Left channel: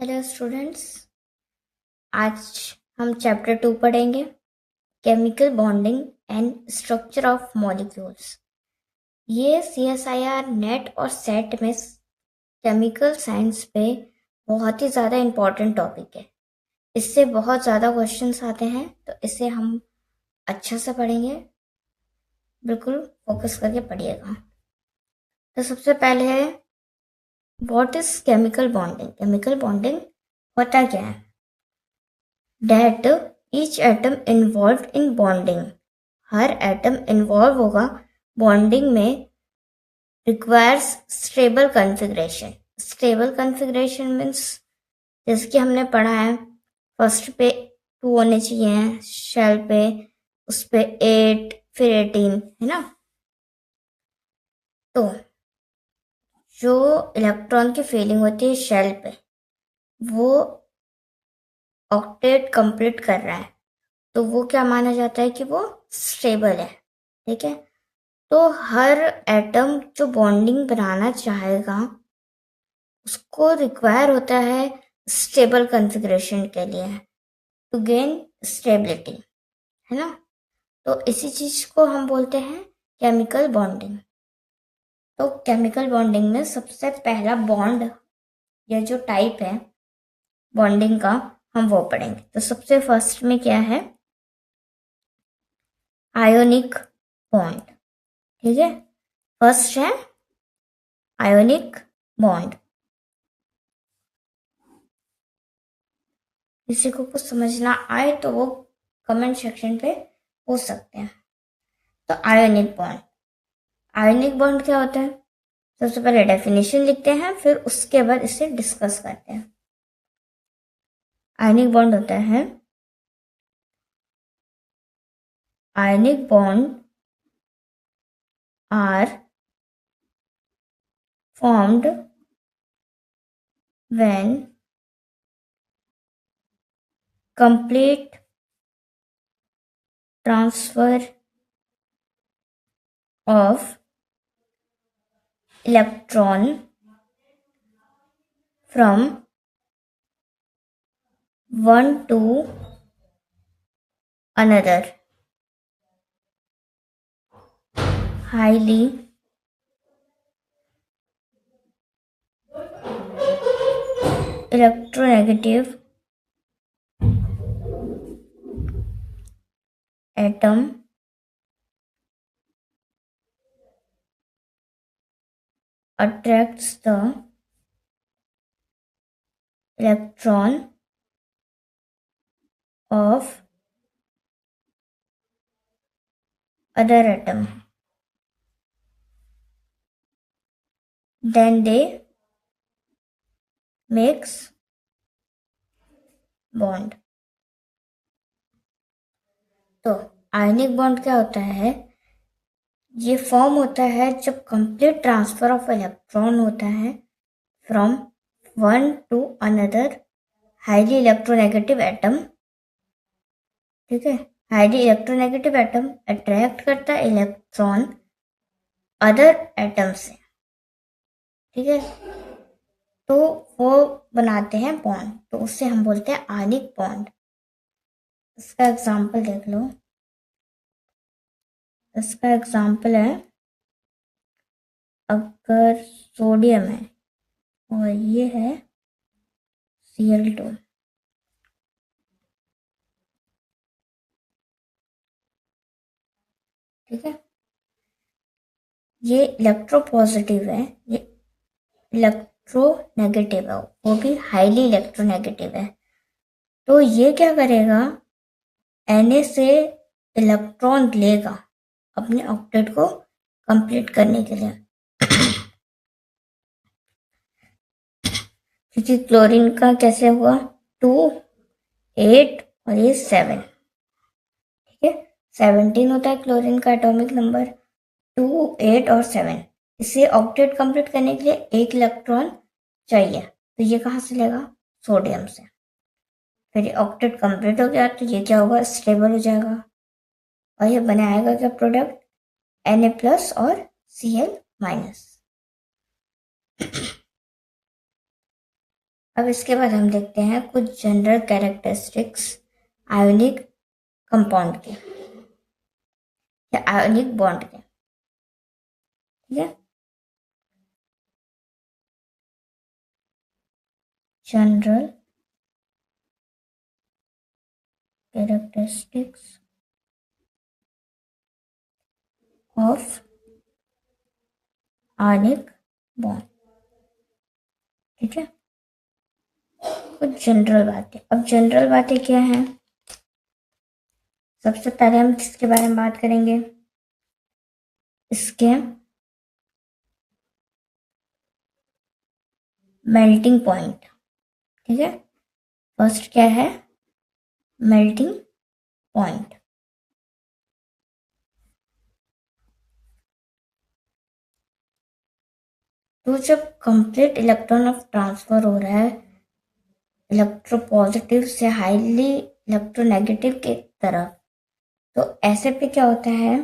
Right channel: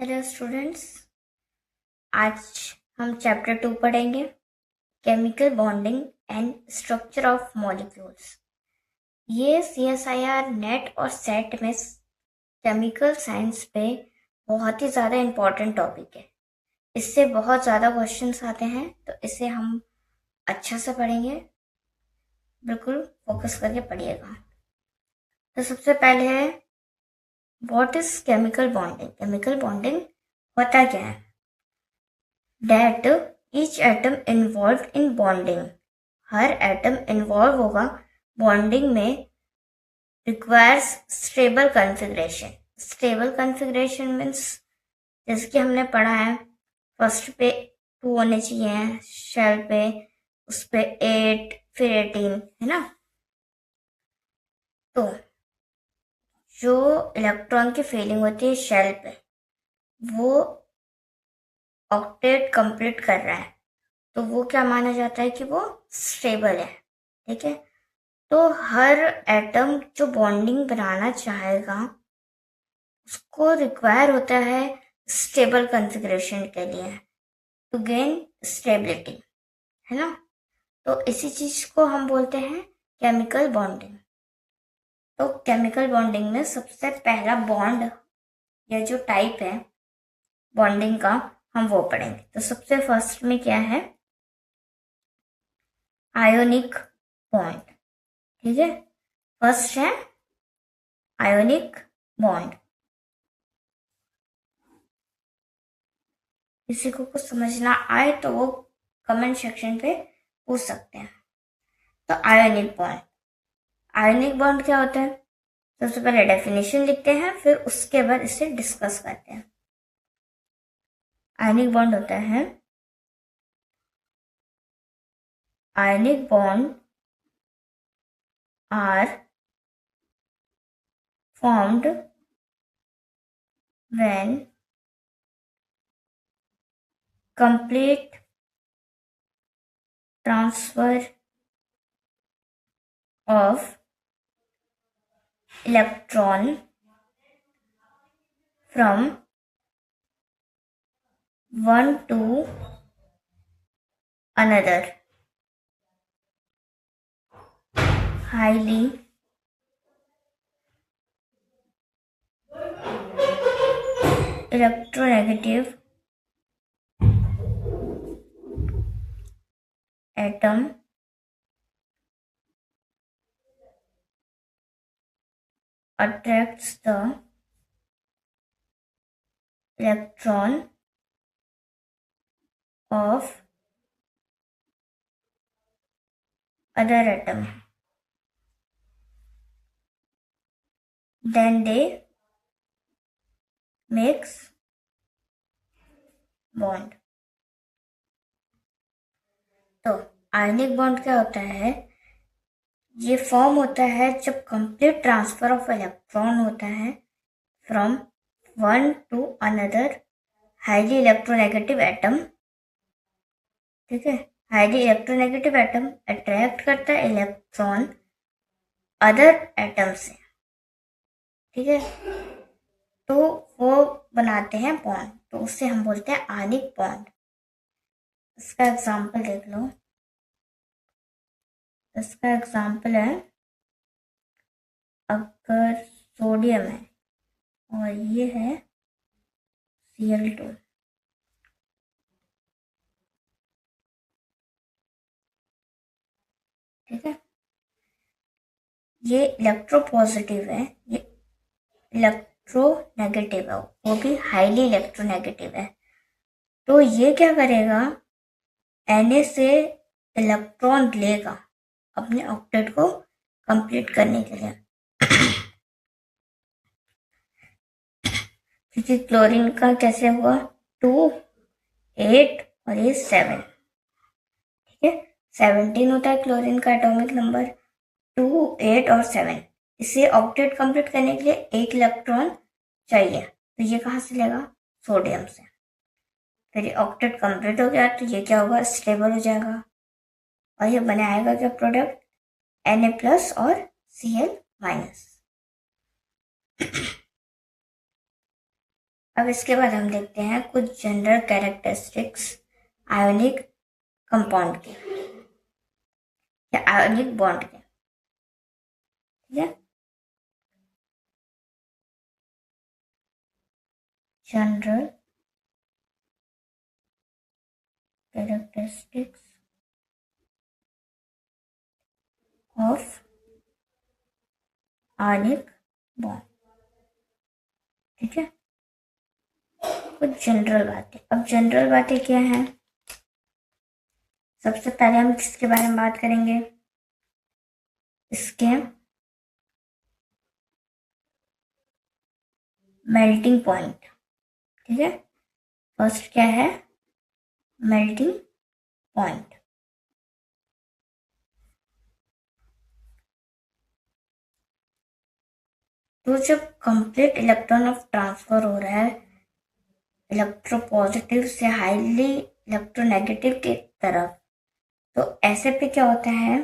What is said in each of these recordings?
Hello students. आज हम chapter 2 पढ़ेंगे, chemical bonding and structure of molecules. ये CSIR नेट और सेट में केमिकल साइंस पे बहुत ही ज़्यादा इम्पोर्टेंट टॉपिक है। इससे बहुत ज़्यादा क्वेश्चंस आते हैं, तो इसे हम अच्छा से पढ़ेंगे। बिल्कुल फोकस करके पढ़िएगा। तो सबसे पहले है, what is chemical bonding. Chemical bonding होता क्या है? That each atom involved in bonding, her atom involve होगा बॉन्डिंग में, requires stable configuration. Stable configuration means जैसे कि हमने पढ़ा है, फर्स्ट पे 2 होने चाहिए, शेल पे उस पे 8 फिर 18, है ना। तो जो इलेक्ट्रॉन की फीलिंग होती है शेल पे, वो ऑक्टेट कंप्लीट कर रहा है, तो वो क्या माना जाता है कि वो स्टेबल है। ठीक है। तो हर एटम जो बॉन्डिंग बनाना चाहेगा उसको रिक्वायर होता है स्टेबल कॉन्फ़िगरेशन के लिए, टू गेन स्टेबिलिटी, है ना। तो इसी चीज को हम बोलते हैं केमिकल बॉन्डिंग। तो केमिकल बॉन्डिंग में सबसे पहला बॉन्ड या जो टाइप है बॉन्डिंग का, हम वो पढ़ेंगे। तो सबसे फर्स्ट में क्या है? Ionic bond. ठीक है, फर्स्ट है आयोनिक बॉन्ड। किसी को कुछ समझ ना आए तो वो कमेंट सेक्शन पे पूछ सकते हैं। तो आयोनिक बॉन्ड, आयोनिक बॉन्ड क्या होता है? सबसे पहले डेफिनेशन लिखते हैं, फिर उसके बाद इसे डिस्कस करते हैं। आयोनिक बॉन्ड होता है, ionic bond are formed when complete transfer of electron from one to another, highly electronegative atom attracts the electron of other atom, then they makes bond। तो आयनिक बॉन्ड क्या होता है? ये form होता है जब कंप्लीट ट्रांसफर ऑफ इलेक्ट्रॉन होता है from one two another highly electronegative atom. ठीक है, हाईली इलेक्ट्रोनेगेटिव एटम अट्रैक्ट करता है इलेक्ट्रॉन अदर एटम से। ठीक है, तो वो बनाते हैं बॉन्ड, तो उससे हम बोलते हैं आयनिक बॉन्ड। इसका एग्जांपल देख लो। इसका एग्जांपल है, अगर सोडियम है और ये है Cl2। ठीक है, ये इलेक्ट्रो पॉजिटिव है, ये इलेक्ट्रो नेगेटिव है, वो भी हाईली इलेक्ट्रोनेगेटिव है। तो ये क्या करेगा? Na से इलेक्ट्रॉन लेगा अपने ऑक्टेट को कंप्लीट करने के लिए। क्योंकि क्लोरीन का कैसे हुआ? 2, 8 और ये 7। ठीक है, 17 होता है क्लोरीन का एटॉमिक नंबर, 2, 8 और 7। इसे ऑक्टेट कंप्लीट करने के लिए एक इलेक्ट्रॉन चाहिए, तो ये कहाँ से लेगा? सोडियम से। फिर ये ऑक्टेट कंप्लीट हो गया तो ये क्या होगा? स्टेबल हो जाएगा और ये बनाएगा क्या प्रोडक्ट? Na+ और Cl-। अब इसके बाद हम देखते हैं कुछ जनरल कैरेक्टरिस्टिक्स आयोनिक कंपाउंड के या आयोनिक बॉन्ड के। ठीक है, general characteristics of ionic bond. ठीक है, कुछ जनरल बातें। अब जनरल बातें क्या हैं? सबसे पहले हम किसके बारे में बात करेंगे? इसके मेल्टिंग पॉइंट। ठीक है, फर्स्ट क्या है? Melting point. तो जब कंप्लीट इलेक्ट्रॉन ऑफ ट्रांसफर हो रहा है इलेक्ट्रोपॉजिटिव से हाईली इलेक्ट्रोनेगेटिव की तरफ, तो ऐसे पे क्या होता है?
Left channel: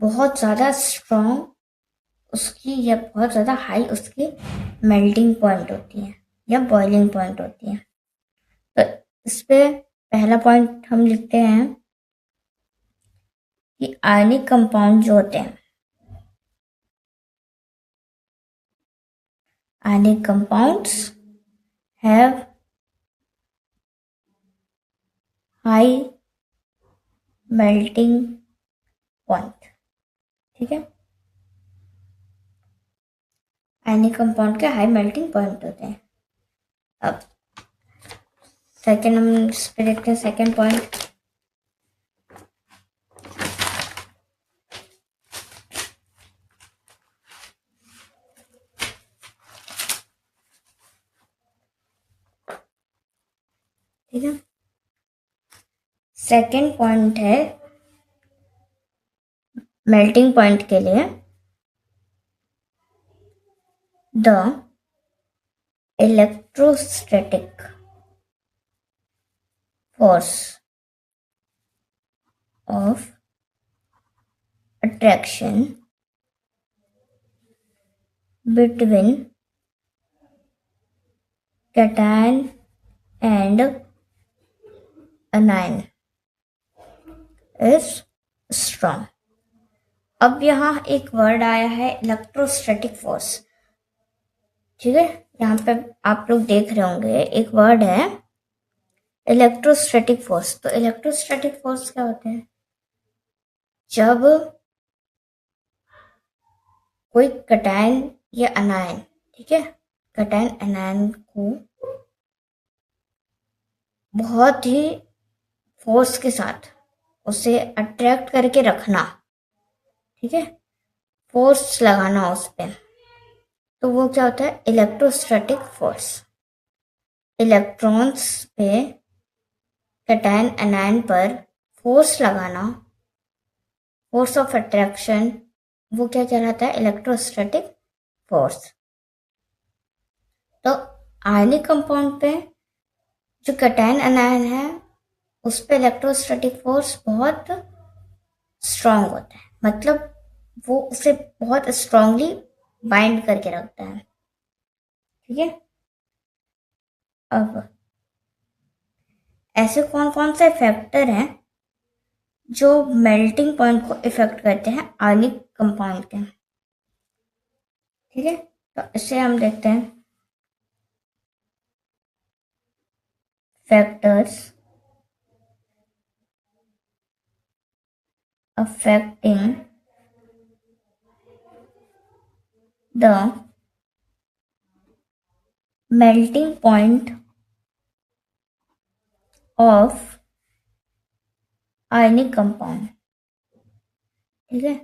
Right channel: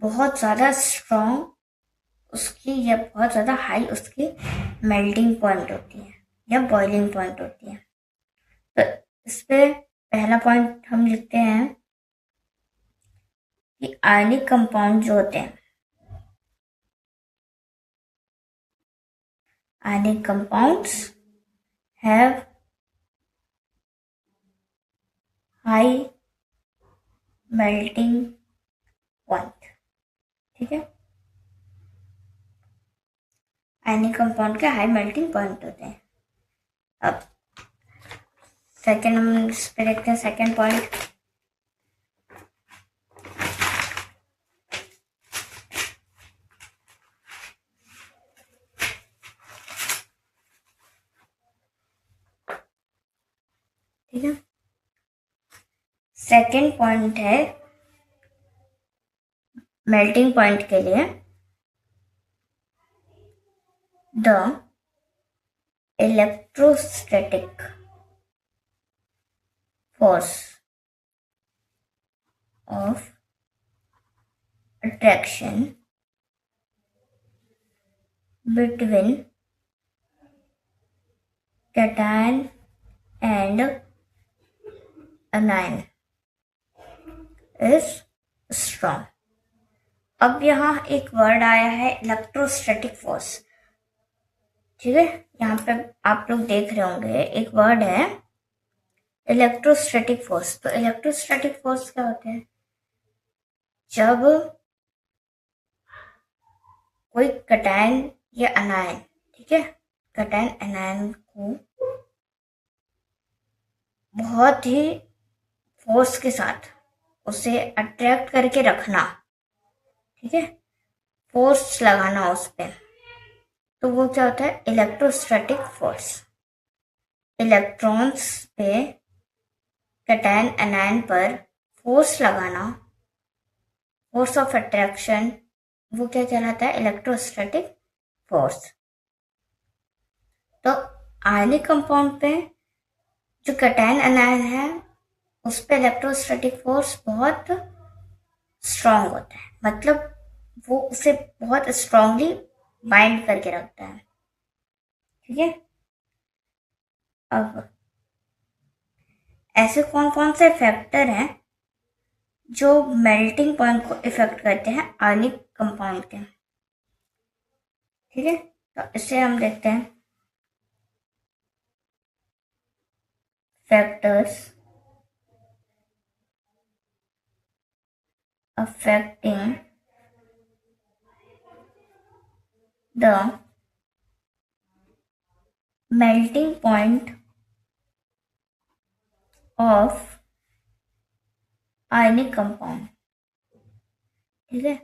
बहुत ज़्यादा स्ट्रॉन्ग उसकी या बहुत ज़्यादा हाई उसकी मेल्टिंग पॉइंट होती है या बॉइलिंग पॉइंट होती है। तो इस पे पहला पॉइंट हम लिखते हैं कि आयनिक कंपाउंड जो होते हैं, ionic compounds have high melting point. ठीक है, आयनिक कंपाउंड के हाई मेल्टिंग पॉइंट होते हैं। अब सेकेंड हम इस पे देखते हैं सेकेंड पॉइंट। ठीक है, सेकेंड पॉइंट है मेल्टिंग पॉइंट के लिए the electrostatic force of attraction between cation and अनायन is strong. अब यहाँ एक वर्ड आया है इलेक्ट्रोस्टैटिक फोर्स। ठीक है, यहाँ पे आप लोग देख रहे होंगे एक वर्ड है इलेक्ट्रोस्टैटिक फोर्स। तो इलेक्ट्रोस्टैटिक फोर्स क्या होते हैं? जब कोई कैटायन या अनायन, ठीक है, कैटायन अनायन को बहुत ही फोर्स के साथ उसे अट्रैक्ट करके रखना, ठीक है, फोर्स लगाना उस पर, तो वो क्या होता है? Electrostatic force. इलेक्ट्रॉन्स पे कैटायन अनायन पर फोर्स लगाना, फोर्स ऑफ अट्रैक्शन, वो क्या कहलाता है? Electrostatic force. तो आयनिक कंपाउंड पे जो कैटायन अनायन है उस पे इलेक्ट्रोस्टैटिक फोर्स बहुत स्ट्रांग होता है, मतलब वो उसे बहुत स्ट्रांगली बाइंड करके रखता है। ठीक है, अब ऐसे कौन कौन से फैक्टर हैं जो मेल्टिंग पॉइंट को इफेक्ट करते हैं आयनिक कंपाउंड के? ठीक है, तो इसे हम देखते हैं factors affecting the melting point of ionic compound। ठीक है,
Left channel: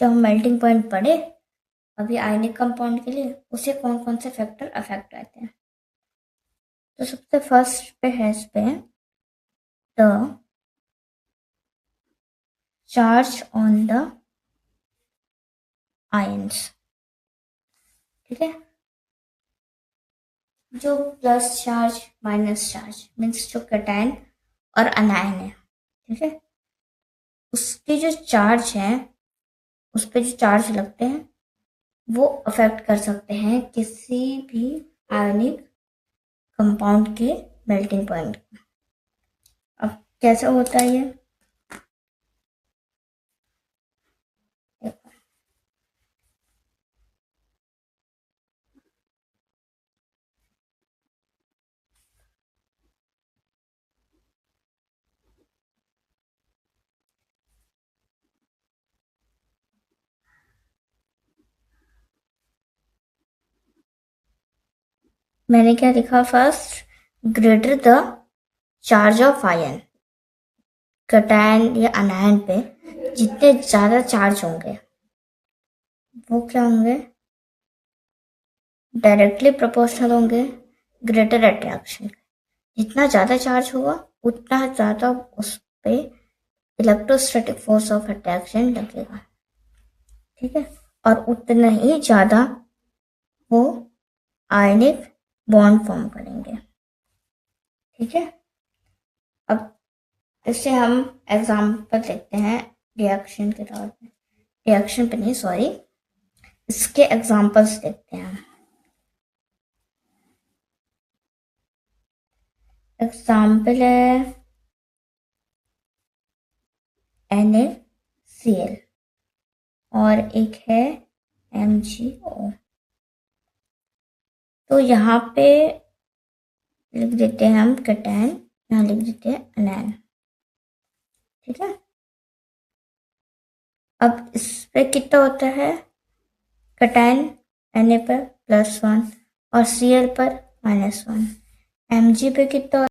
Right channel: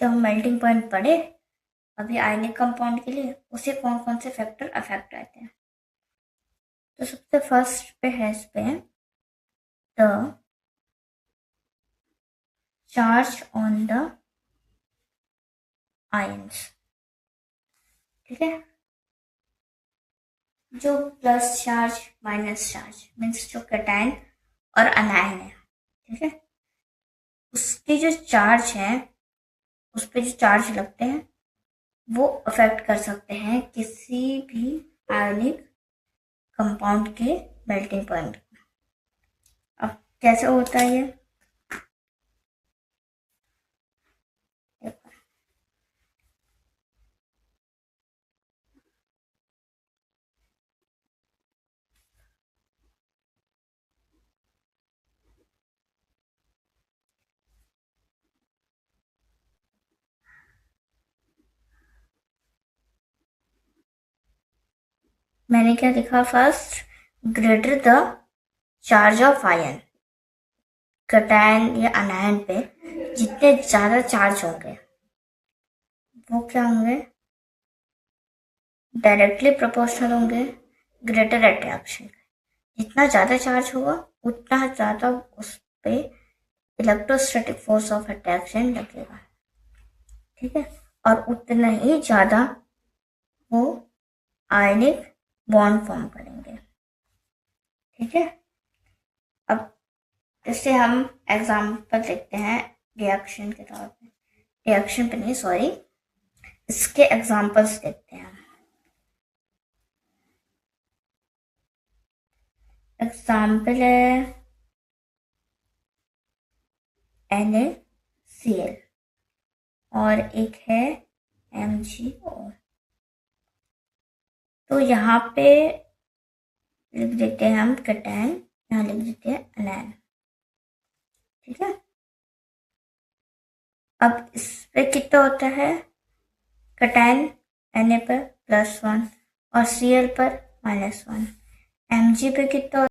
जब हम मेल्टिंग पॉइंट पढ़े अभी आयनिक कंपाउंड के लिए, उसे कौन कौन से फैक्टर अफेक्ट करते हैं? तो सबसे फर्स्ट पे है इस पे the charge on the ions. ठीक है, जो plus charge minus charge means जो कैटायन और अनायन है, ठीक है, उसके जो चार्ज है उस पे जो चार्ज लगते हैं वो अफेक्ट कर सकते हैं किसी भी आयनिक कंपाउंड के मेल्टिंग पॉइंट। अब कैसे होता है ये? मैंने क्या लिखा first? Greater the charge of ion, cation या अनायन पे जितने ज्यादा चार्ज होंगे वो क्या होंगे? डायरेक्टली प्रोपोर्शनल होंगे ग्रेटर अट्रैक्शन। जितना ज़्यादा चार्ज होगा उतना ज़्यादा उस पे इलेक्ट्रोस्टैटिक फोर्स ऑफ अट्रैक्शन लगेगा, ठीक है, और उतना ही ज़्यादा वो आयनिक बॉन्ड फॉर्म करेंगे, ठीक है। अब इससे हम एग्जाम्पल देखते हैं रिएक्शन के तौर पे, रिएक्शन पे नहीं सॉरी, इसके एग्जाम्पल्स देखते हैं। एग्जाम्पल है NaCl और एक है MgO। तो यहाँ पे लिख देते हैं हम कैटायन, यहाँ लिख देते हैं अनायन, ठीक है। अब इस पे कितना होता है? कैटायन Na पर +1 और Cl पर -1। Mg पे कितना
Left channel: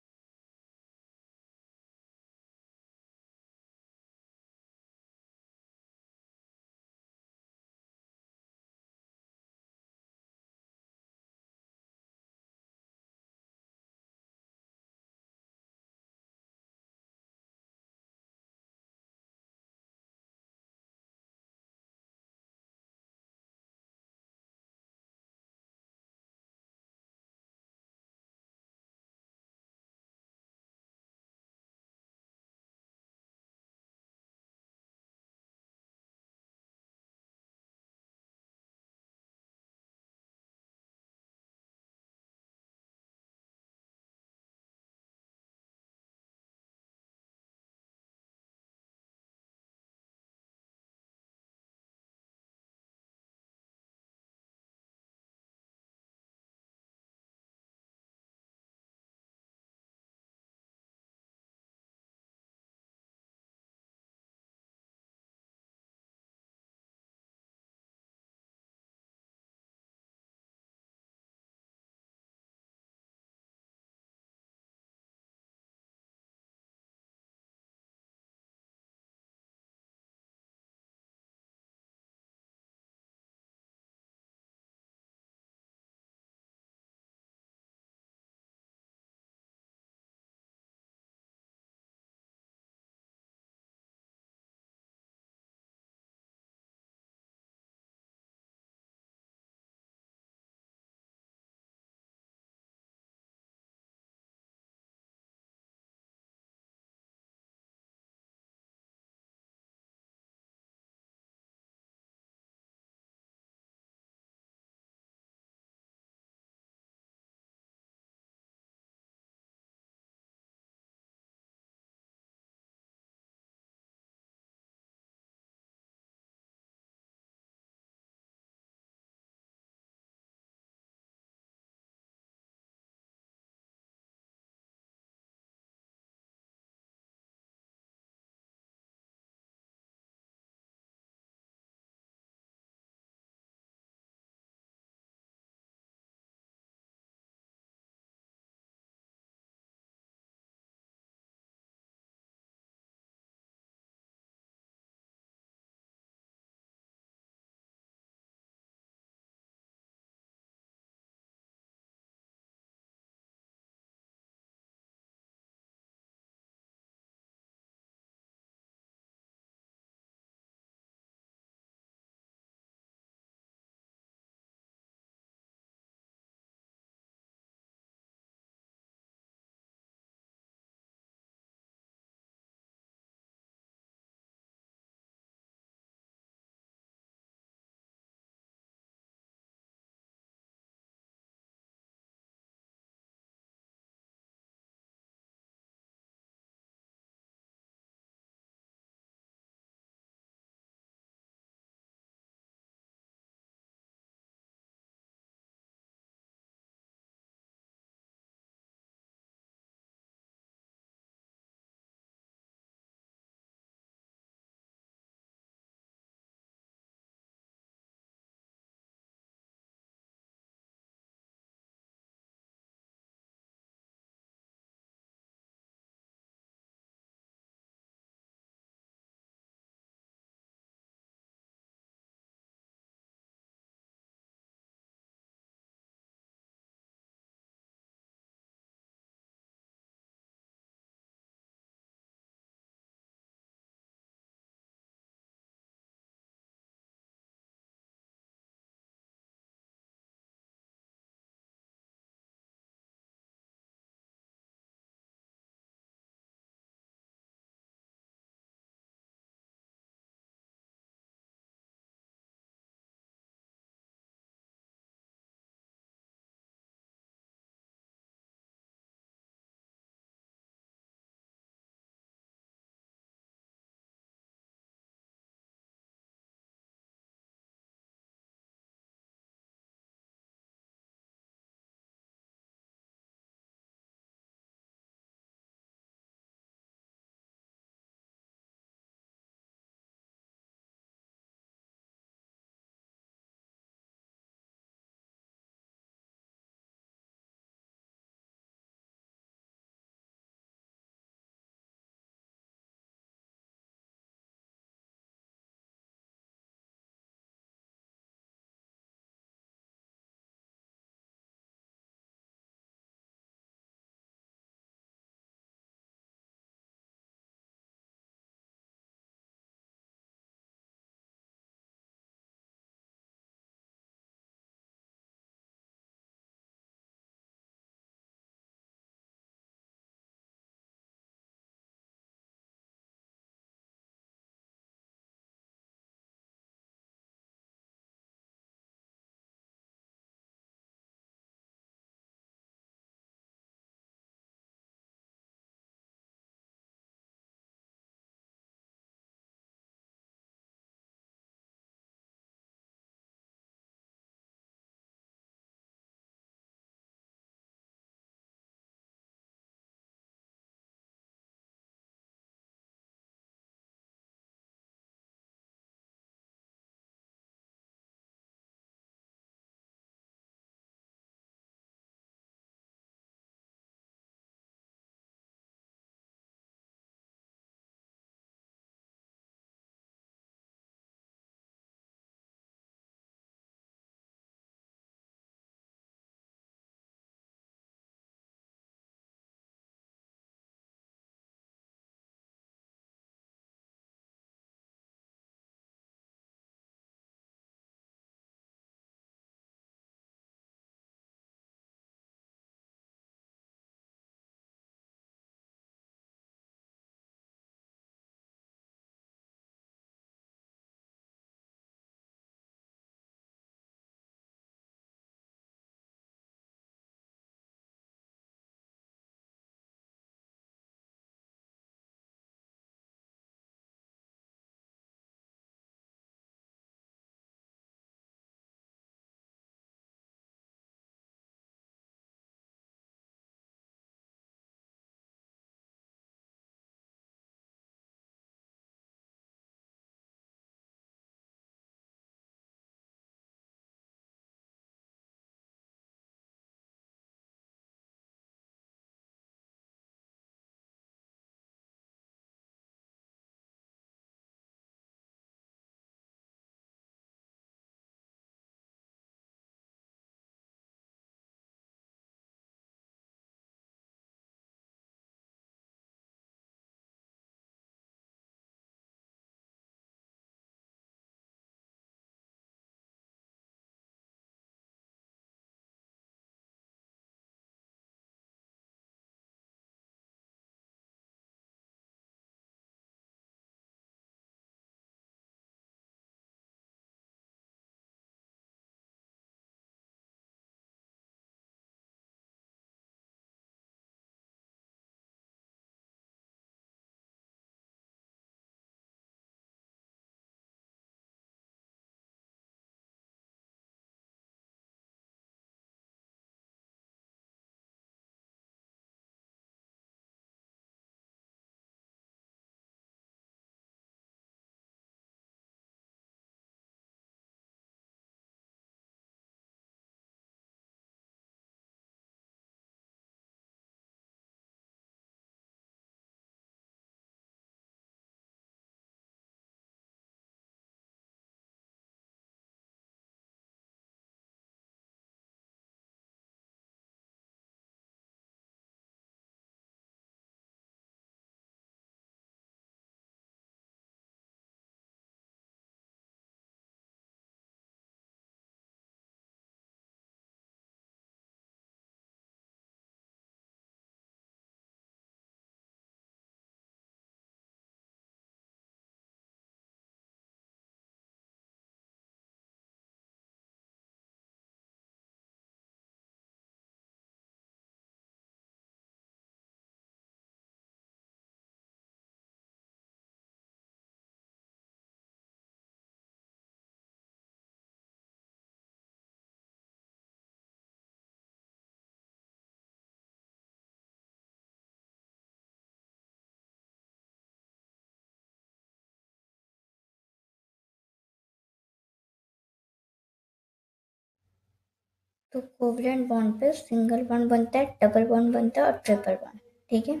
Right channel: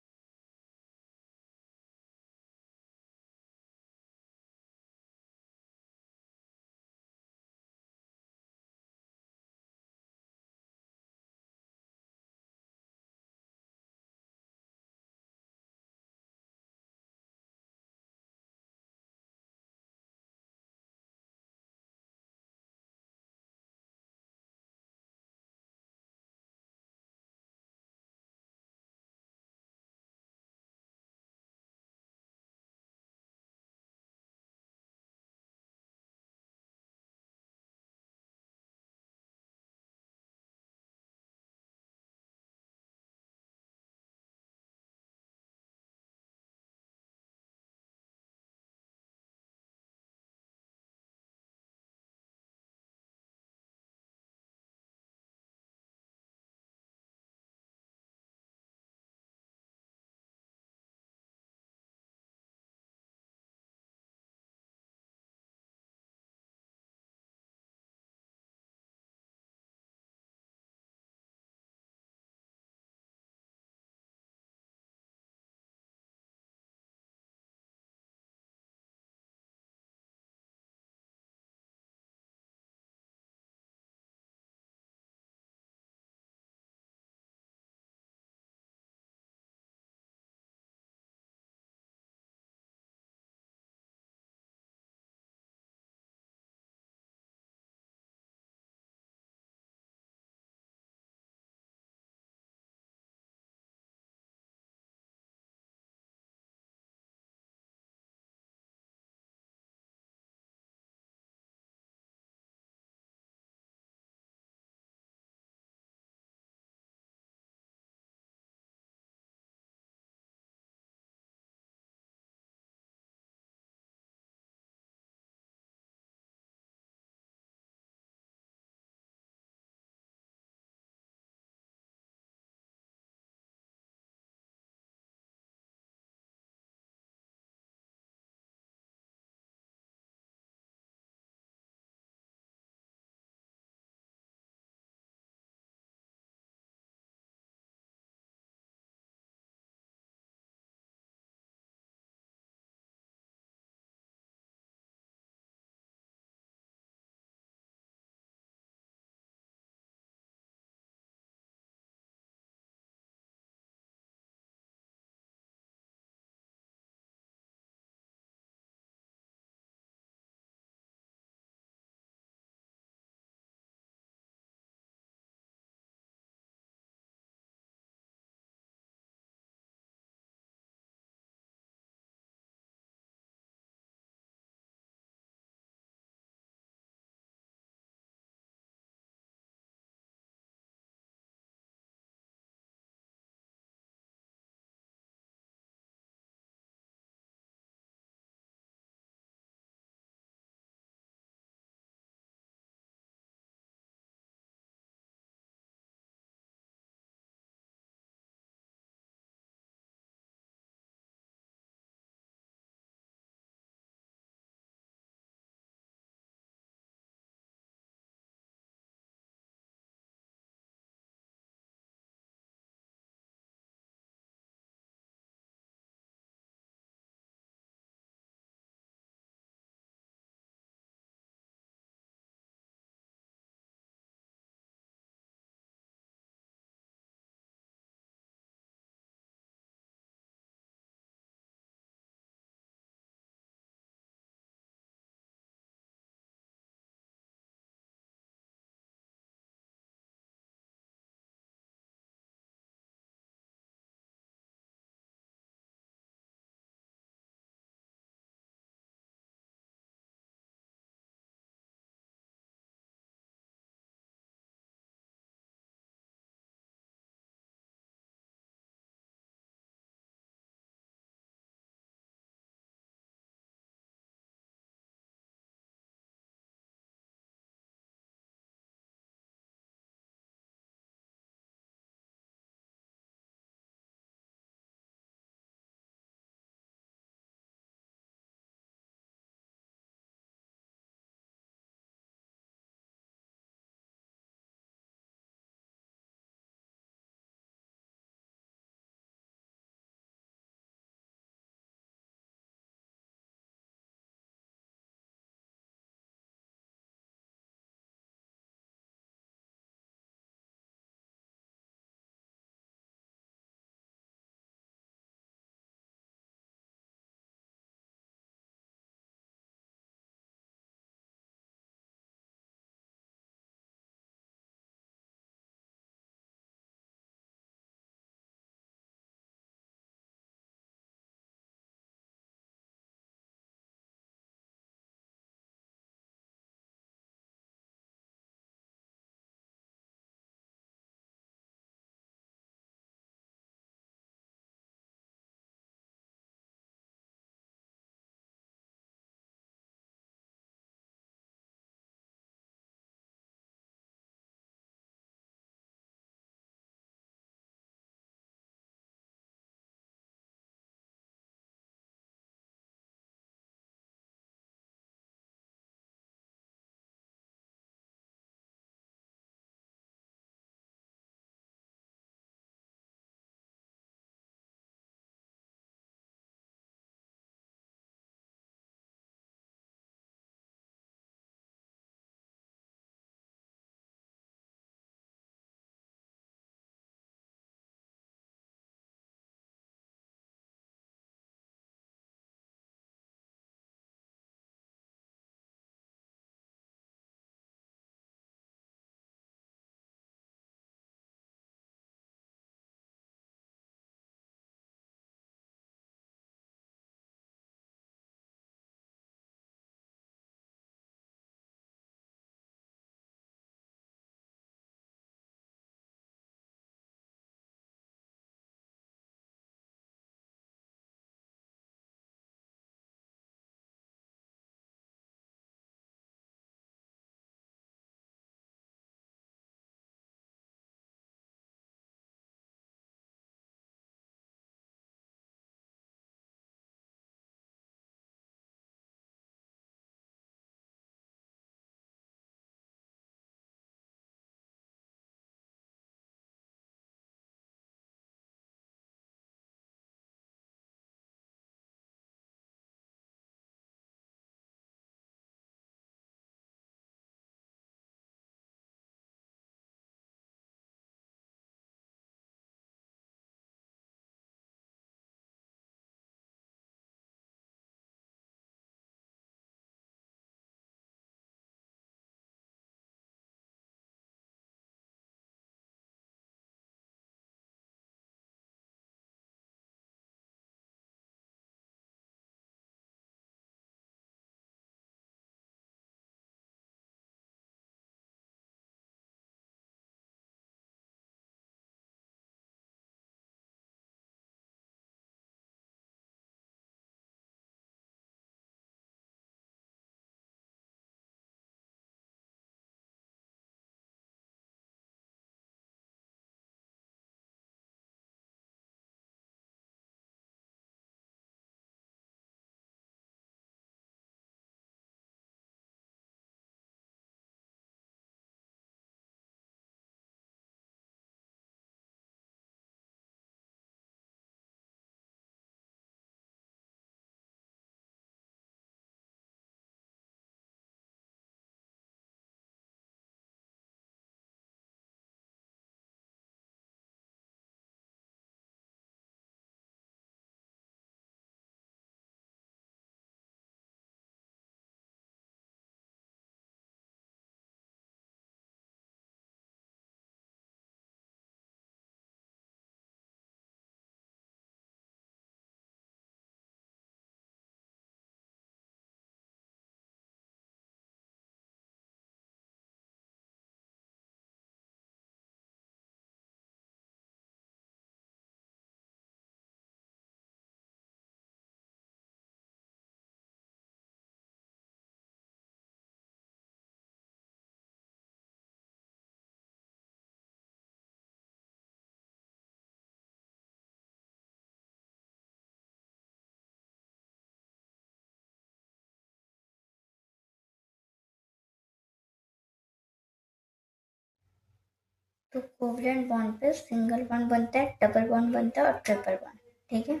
तो कोवलेंट बॉन्ड पे सिंगल बॉन्ड बनता है, डबल बॉन्ड बनता है और ट्रिपल बॉन्ड। ठीक है,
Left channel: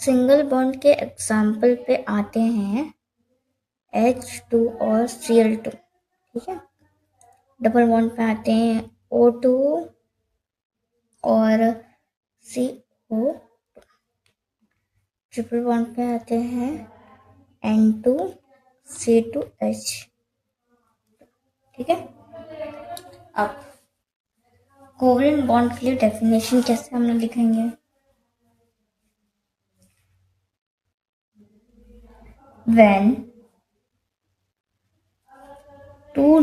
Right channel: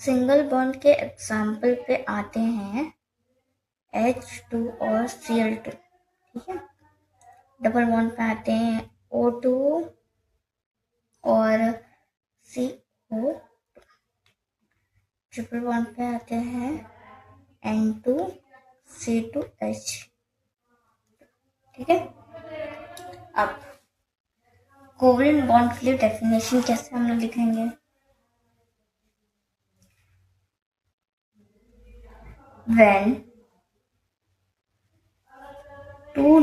सिंगल बॉन्ड के एग्जाम्पल पे आते हैं H2 और Cl2। ठीक है, डबल बॉन्ड पे आते हैं O2 और CO। ट्रिपल बॉन्ड पे आते हैं N2C2H। ठीक है, अब कोवलेंट बॉन्ड के लिए डेफिनेशन कैसे हम लोग लिखेंगे? When two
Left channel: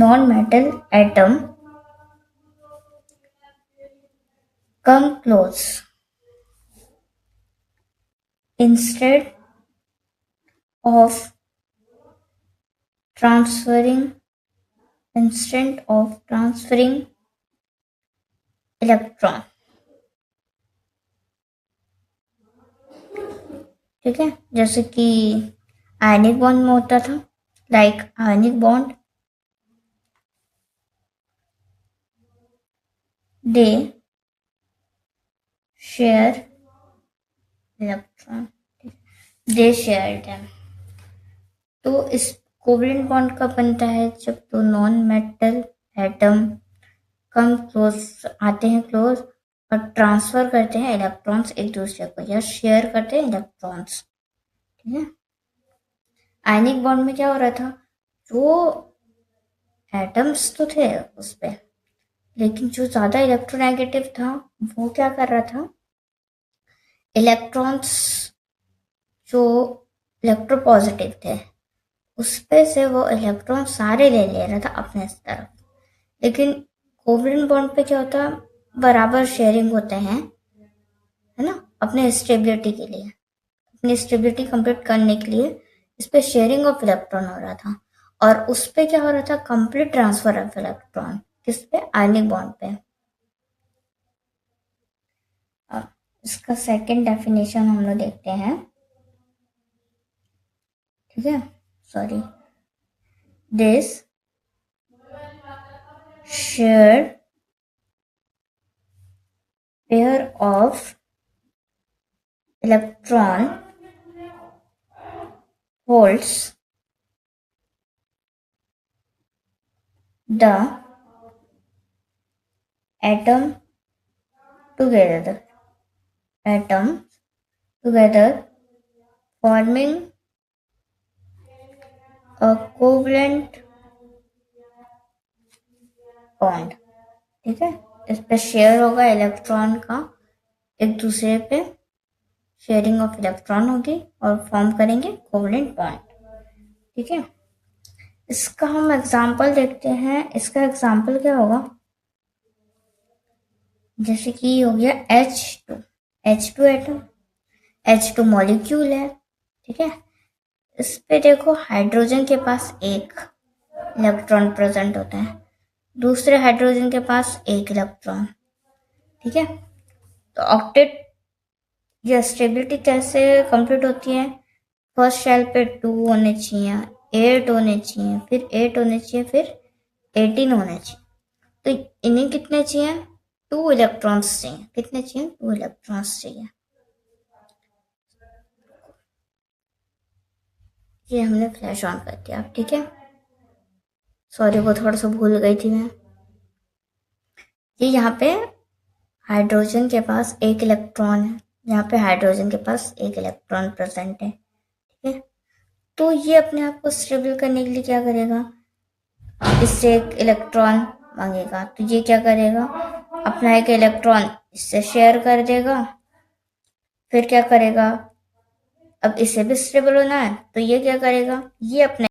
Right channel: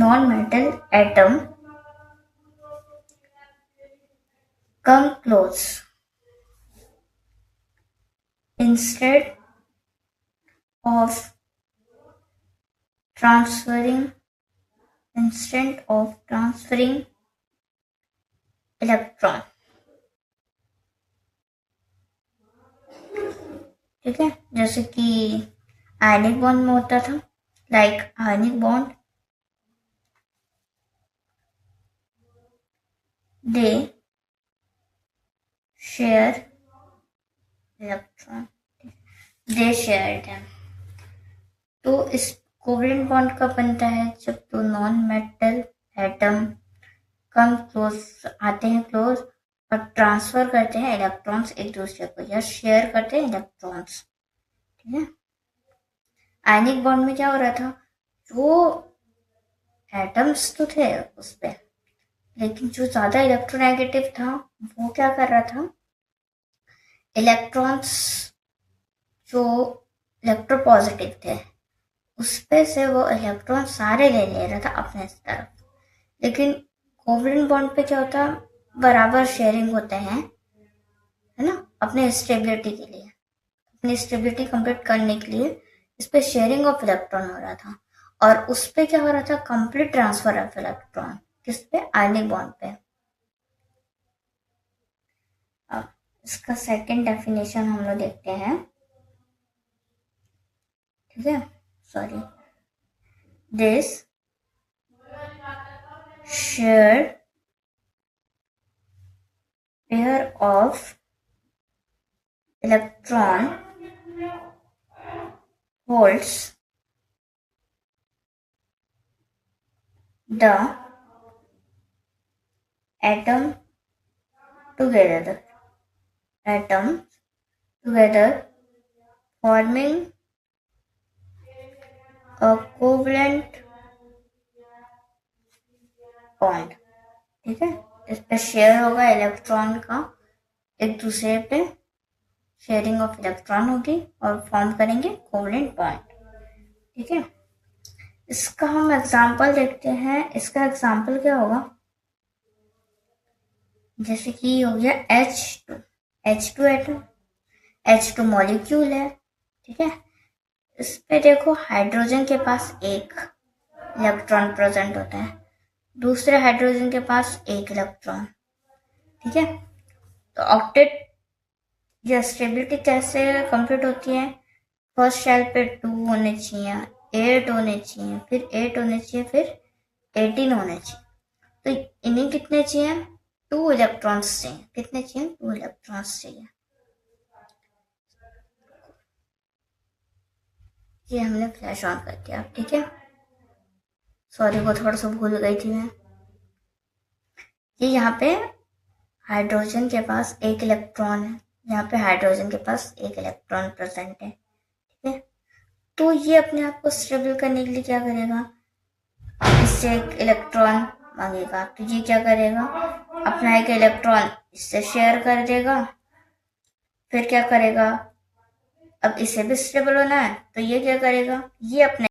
non-metal atom come close, instead of transferring electron। ठीक है, जैसे कि आयनिक बॉन्ड में होता था, लाइक आयनिक बॉन्ड दे शेयर इलेक्ट्रॉन, दे शेयर देम। तो इस कोवलेंट बॉन्ड कब बनता है? जब दो non metal atom come close आते हैं, क्लोज, और ट्रांसफर करते हैं इलेक्ट्रॉन्स एक दूसरे को, या शेयर करते हैं इलेक्ट्रॉन्स। ठीक है, आयनिक बॉन्ड में क्या हो रहा था? जो एटम्स तो थे उस पे, लेकिन जो ज्यादा इलेक्ट्रोनेगेटिव था वो क्या कर रहा था? इलेक्ट्रॉन्स जो इलेक्ट्रोपॉजिटिव थे उस पे से वो इलेक्ट्रॉन सारे ले रहा था अपने तरफ। लेकिन कोवलेंट बॉन्ड पे क्या होता? बराबर शेयरिंग होते हैं, है ना, अपने स्टेबिलिटी के लिए, अपनी स्टेबिलिटी कंप्लीट करने के लिए इस पे शेयरिंग ऑफ इलेक्ट्रॉन हो रहा था। और उस पे क्या हो रहा था? Complete transfer of electron. किस पे? आयनिक बॉन्ड पे। अब इसका सेकंड डेफिनेशन हम लोग देखते हैं। ठीक है, sorry, this shared pair of electron holds the atom together forming a covalent bond. ठीक है, इस पे शेयर होगा इलेक्ट्रॉन का, एक दूसरे पे शेयरिंग ऑफ इलेक्ट्रॉन होगी और फॉर्म करेंगे कोवलेंट बॉन्ड। ठीक है, इसका हम एग्जांपल देखते हैं। इसका एग्जांपल क्या होगा? जैसे कि हो गया H2 एटम, H2 मॉलिक्यूल है। ठीक है, इस पे देखो हाइड्रोजन के पास एक इलेक्ट्रॉन प्रेजेंट होता है, दूसरे हाइड्रोजन के पास एक इलेक्ट्रॉन। ठीक है, तो ऑक्टेट या स्टेबिलिटी कैसे कंप्लीट होती है? फर्स्ट शेल पे 2 होने चाहिए, 8 होने चाहिए, फिर 8 होने चाहिए, फिर 18 होने चाहिए। तो इन्हें कितने चाहिए? 2 इलेक्ट्रॉन्स चाहिए। कितने चाहिए? 2 इलेक्ट्रॉन्स चाहिए। ये हमने फ्लैश ऑन कर दिया। ठीक है, सॉरी वो थोड़ा सा भूल गई थी मैं। ये यहाँ पे हाइड्रोजन के पास एक इलेक्ट्रॉन है, यहाँ पे हाइड्रोजन के पास एक इलेक्ट्रॉन प्रेजेंट है। ठीक है, तो ये अपने आप को स्टेबल करने के लिए क्या करेगा? इससे एक इलेक्ट्रॉन मांगेगा, तो ये क्या करेगा? अपना एक इलेक्ट्रॉन इससे शेयर कर देगा। फिर क्या करेगा? अब इसे भी स्टेबल होना है, तो ये क्या करेगा? ये अपने